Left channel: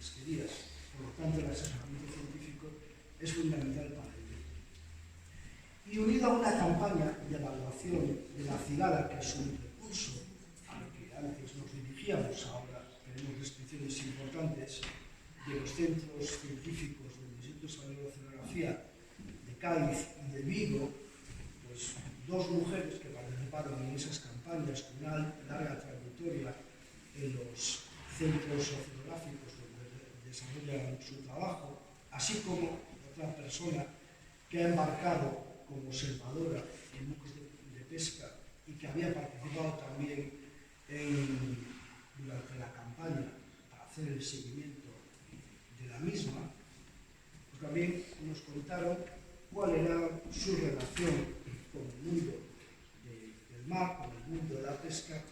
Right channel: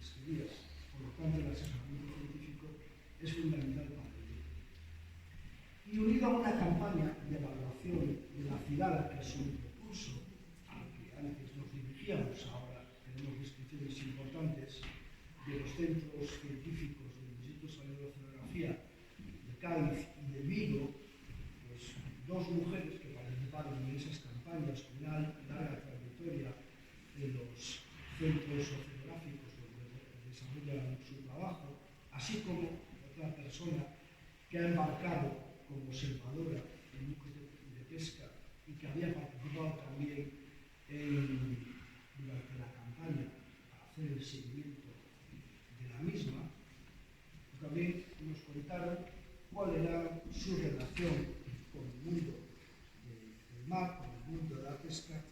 pesquerías. Por lo tanto, el asesoramiento científico es fundamental para ello. Y unido a una campaña de evaluación de la cigala, que es un recurso al que antes nos dirigíamos, ahora tenemos restricciones importantes de los centros científicos del Instituto Superior de Oceanografía de Cádiz y de Vigo, pues dos mujeres que participaron en esas campañas con una larga trayectoria en los centros oceanográficos donde desarrollan su trabajo, así como otra persona que ha embarcado como observadora en buques de pesca y que había participado también durante la campaña para hacer el seguimiento de la misma, pues también nos contaron cuál era su relación con el mundo del mar, con el mundo de la pesca